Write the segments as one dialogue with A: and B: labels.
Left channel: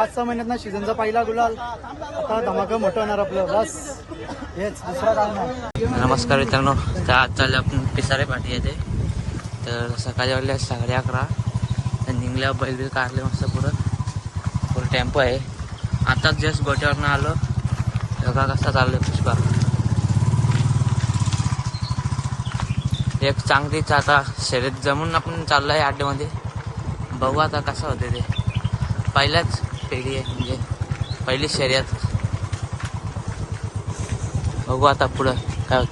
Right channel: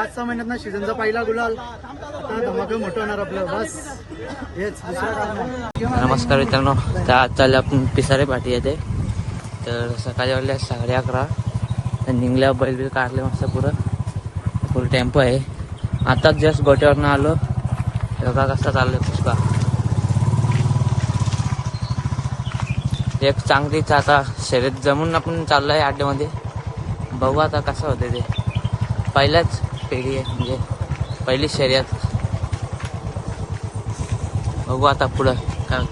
A: पाच सहा महिन्यात ना सीझनचा पहिला गुलाल. आता धमाका मोठं होणार आपलं बस. हेच दुसरा काय नाही.
B: नमस्कार मित्रांनो तर आज चालले आपण पिसारे पाठी येते तर सकाळी वाढले साडे अकरा. तर निघल्या बैल बिल काढले मस्त पुरं फुल टेम्पो आहे. आताच जस्ट गोट्यावरनं आलो. योगा कसा चाललो आहे पुष्पा. एक चांगलीच आता शर्यत जमून आपण चाललो आहे अड्ड्यामध्ये बघू आता कसं होते ते. पहिल्याच पिढी आहे म्हणजे पहिली शर्यत. बघू आता पुढं काय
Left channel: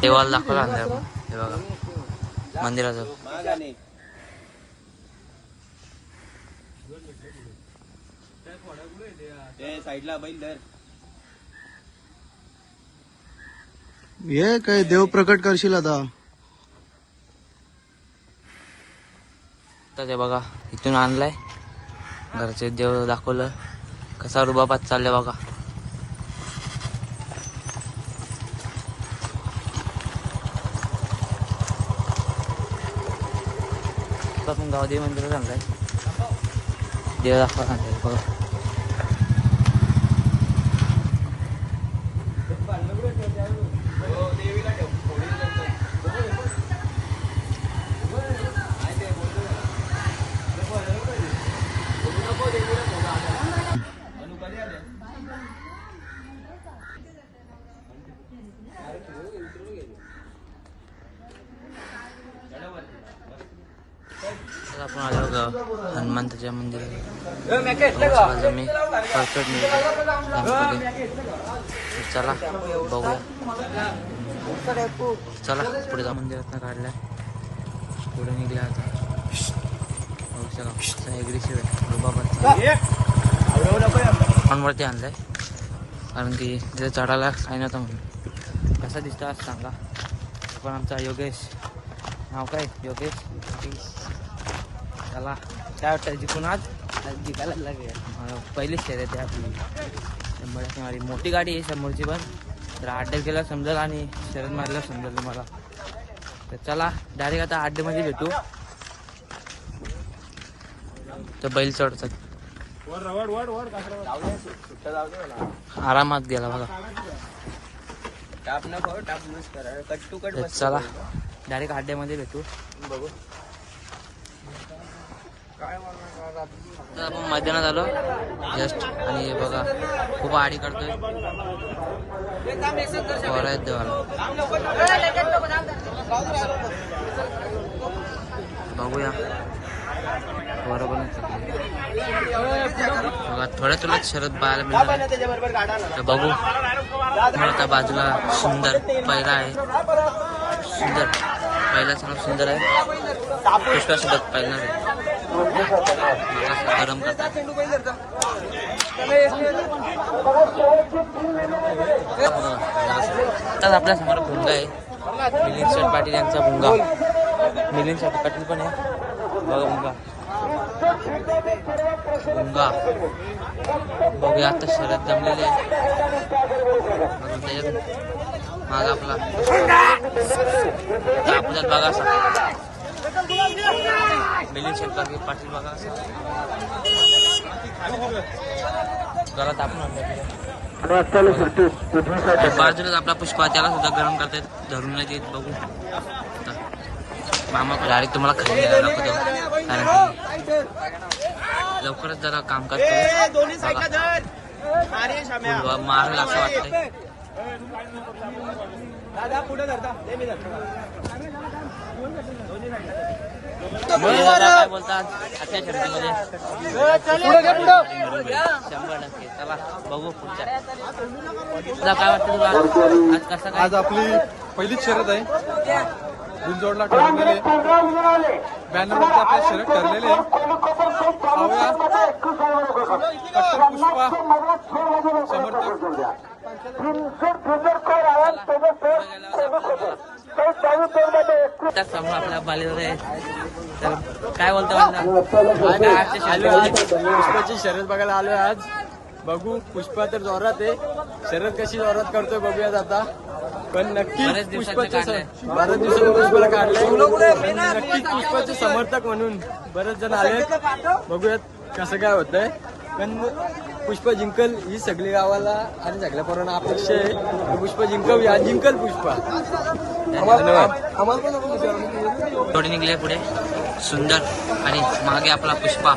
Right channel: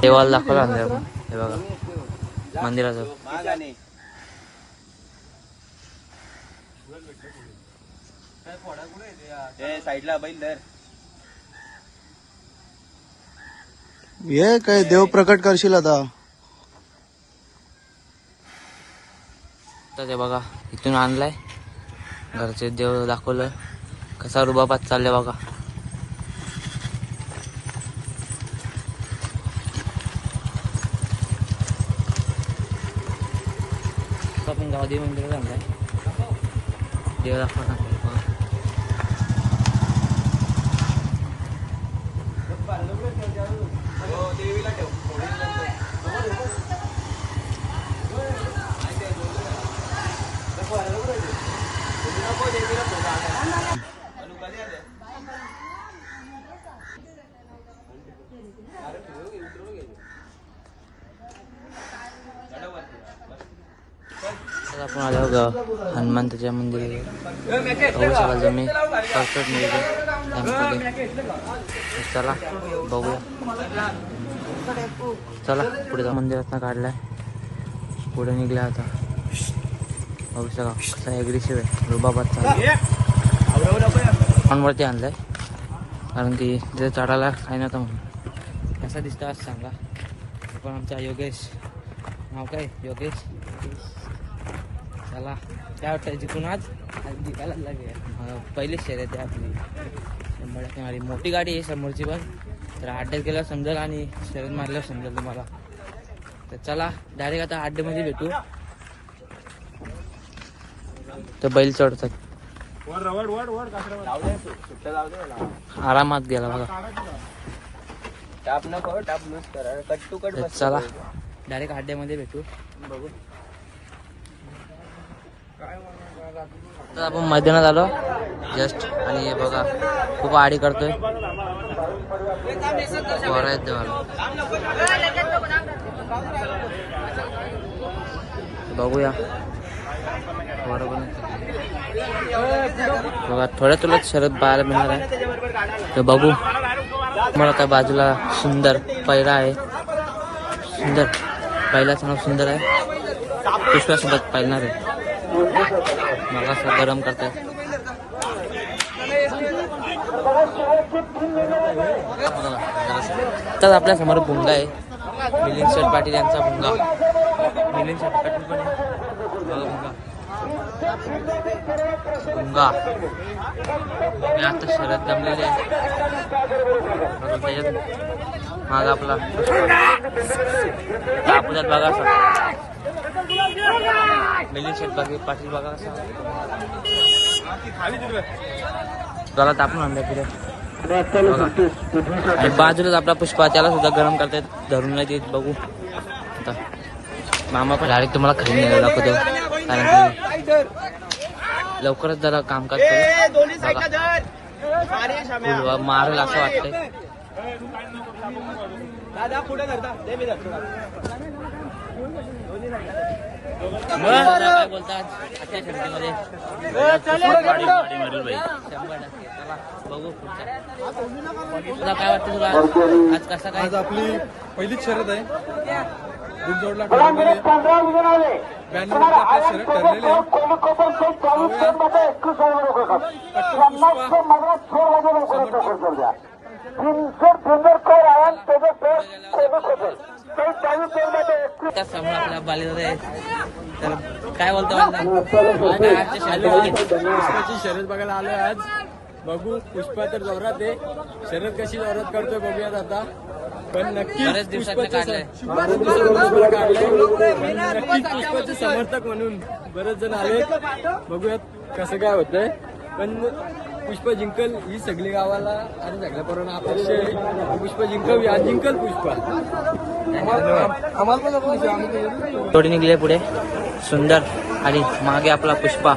B: देवाला दाखवलं आपण हे बघा. मंदिराचं.
A: ये काय देव प्रकट करशील आता?
B: तर ते बघा इथून आणलाय. घरचे देव दाखवलं. कसा रुबाबात चाललंय बघा. आता आपण गावदेवी मंदिरात आहे. देव दाखवा आणलाय आपण आलो ग हनुमंताच्या मंदिरात बघू शकाल तुम्ही परफेक्ट नियोजन त्यामध्ये तर चला बघूया चला पुढे जा मंदिरात काढलाय पुढे निघला आता बघू शका कसा ॲग्रेसिव्ह आहे रुबाबादचा वरती आणलाय कारण की तिथे चढायला काही नव्हतं म्हणून कसा दिसतो आज सांगा हे पण आमचा योगेश नाव काय योगेश त्याला काय वाटतं जिंकून आज? जिंकायला लागेल पहिलीच शर्यत आहे आपली. शंभर मारी मोठी गाडी आहे समोरची पण. तर अड्ड्यात गेल्यावर समजेल आणि शर्यत मारल्यावर समजेल तुम्हाला. तर चला डायरेक्ट आता अड्ड्यामध्ये भेटू. तर बैल चढतात. आरामात गेला बघा. चला डायरेक्ट अड्ड्यामध्ये भेटू.
C: बघू
B: तर आपण मैदानात आलो. जस्ट आणि हे बघा खूप आडी करतोय. बरं आहेत देवाला. बघूया. बरोबर बघा थोड्या तुलाच शरद पाहायला मिळणार आहे. तर बघू. मला त्या बाजूला सुंदर पहिला आहे. सुंदर. पहिला नाव सुंदर आहे. सुंदर आहे. मला गरम करतोय तर आपल्यासमोर भुंगा आहे मिलिंद शेठ पाटील यांचा भुंगा. मिलिंद शेठ पाटील पण आहे. बघा भुंगा भुंगा बघूया आता शरद जमलेले अजून त्याच्यात माग आपला कापूजात बघा असा मिलिंद शेठ पाटील बघा असा त्याला तापून आणलं पुढे आणि बाजूलाच आपला पुष्पा त्याला सुद्धा गरम करतायत धरून नाही देत बघू. आता. मामा पण डायरेक्ट तुम्हाला खाली नाही दाखवतो कारण की लवकरच जरा कामकाज करू. बघा. फुलवा मारेल असं वाटतंय. काय बोलतात? शंभर टक्के. चला बघू पुढच्या. तुला काय वाटतं तुला? आज कसा काय?
A: आज आपली पहिलीच शर्यत आहे. गुंजोडला ठरवलेली बॅनरवरती आपली शर्यत ठरलेली आहे.
B: त्याच समोर आपल्या बालेदार आहे तर काय बोलतो
A: पुष्पाची शर्यत बघायला आलोय आज. बघू पुष्पा तर जोरात आहे. शर्यत कशी जोरात करतोय बघूयात आता. पण नक्की
B: बरेच दिवसाचं काढलंय.
A: बरेच दिवसाचं काढलंय. नक्की पुष्पाचे समर्थक म्हणून बरेच जण आले बघूयात कसं काय होतंय. पण पुष्पा जिंकल ही सगळी गावाला आणि सगळ्या पोरांना अपेक्षा आहे. पुष्पा जिंकव आज जिंकल पुष्पा.
B: जोडी निघली पुढे. सुंदर आणि मागे आपला पुष्पा.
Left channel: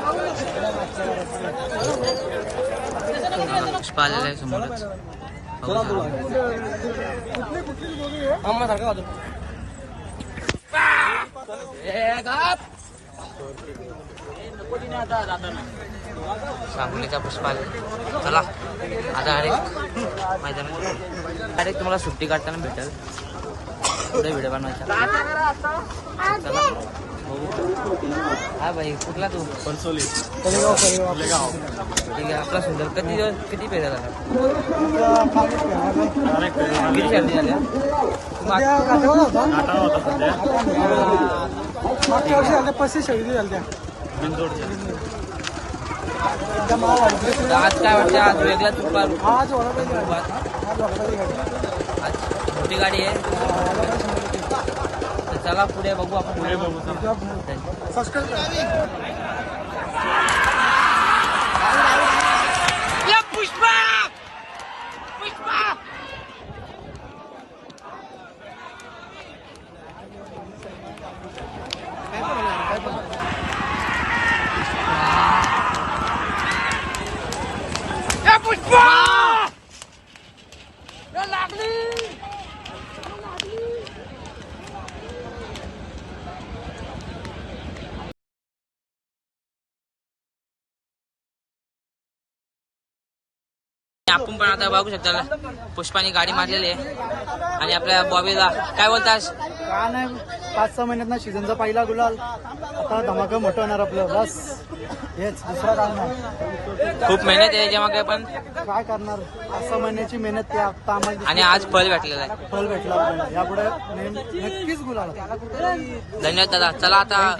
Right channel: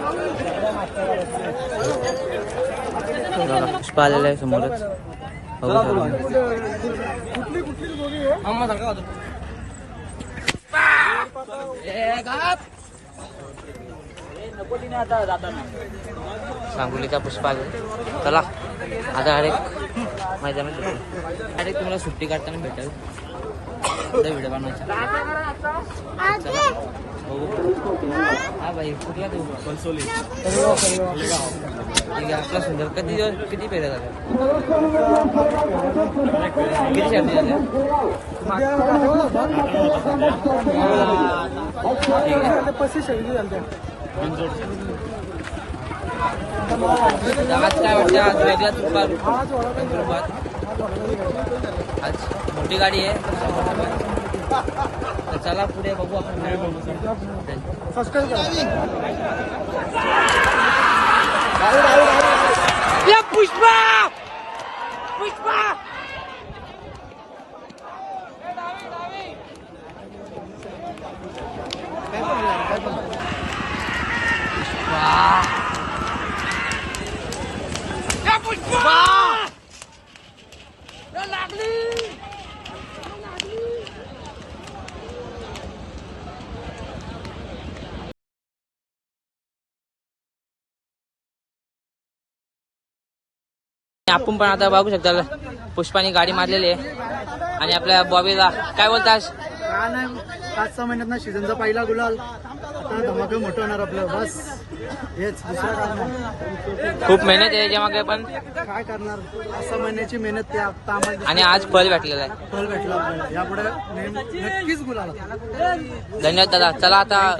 B: पुष्पा आलेला आहे समोरच. बघू शकता सांगोलीचा पुष्पा आला चला आता डायरेक्ट मैदानात डायरेक्ट तुम्हाला सुट्टी काढताना भेटेल. पुढे व्हिडिओ बनवायचा. चला बघू. हा भाई कुठला तू? ठीक आहे आपला सुंदर. किती दिवस किती पेऱ्या झाल्या? किती शर्दी झाल्या? ठीक आहे. तर आज काय वाटतं आज वेगळा तुका कंगरुबाद आज मोठी गाडी आहे तर चला पुढे बघू आपण. पुढे बघू या पुष्पा! पुष्पा! या पुष्पा या लागली आपण पण आता बघू शकता पुष्पाने गाडी मारलेली आहे. आणि आपल्या बॉबीला काय बोलतास?
D: का नाही पाच सहा महिन्यात ना सीझनचा पहिला गुलाल. आता धमाका मोठं होणार आपलं बस. हेच दुसरा काय नाही.
B: खूप मेहनत आहे त्याच्यामागे पण.
D: काय करणार? पाच सहा महिन्याची मेहनत ते आता आम्हाला
B: आणि आज फळ भेटलेलं आहे.
D: फल भेटला आपल्याला. यापुढे नक्कीच गुलाल
B: धन्यवाद दादा. चला आता